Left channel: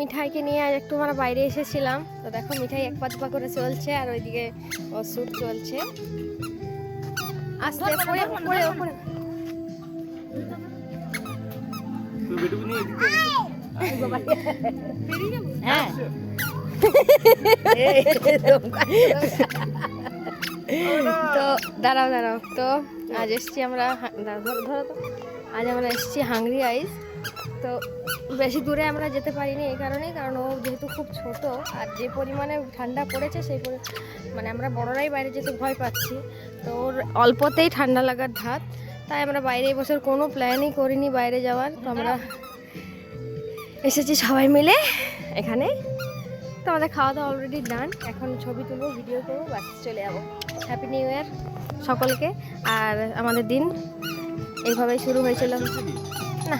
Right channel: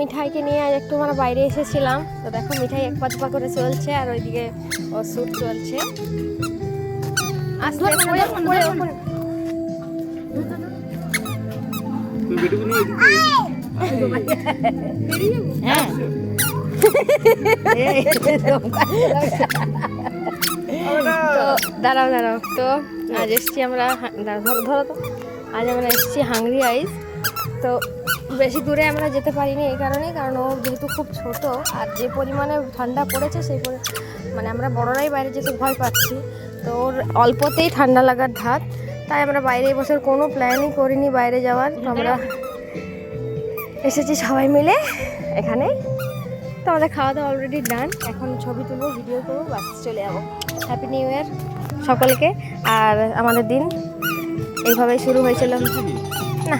মিঠাইকে নিয়ে একটু আমরা বাইরে এসেছিলাম। তো দেখো মিঠাই এক পা দুপা করে চলছে আর ওইদিকে ওর শ্যুট চলছে। আস্তে পড়ে পড়ে উপরে। হ্যাঁ দাঁড়াও দাঁড়াও। তো আজ এসছি আমরা, ধরো ধরো তো, আজ আমরা এসছি হাংরি আইস। তো বেশি দূরে আমরা যেতে পারিনি এই কারণেই, কারণ ও যেহেতু খুব ছোট আর যে পরিমাণে ঠান্ডা পড়েছে সেই মানে আমরা বড়রাই বাইরে যেতে ভয় পাচ্ছি। তো ওর অল্পতেই ঠান্ডা লাগার ধাত, তাই আমরা বাইরে বসে কোনো প্ল্যানই করিনি বাইরে যাওয়ার। তো আমরা এসেছি সবাই মিলে এখানে। তো আমাদের খাওয়া দাওয়া অলরেডি ডান, এখন ছবি তুলবো, ভিডিও করবো, বাস চলে যাবো। হ্যাপি নিউ ইয়ার সকলকে। আর আমাদের দিন এইভাবেই শুরু হয়েছিল না।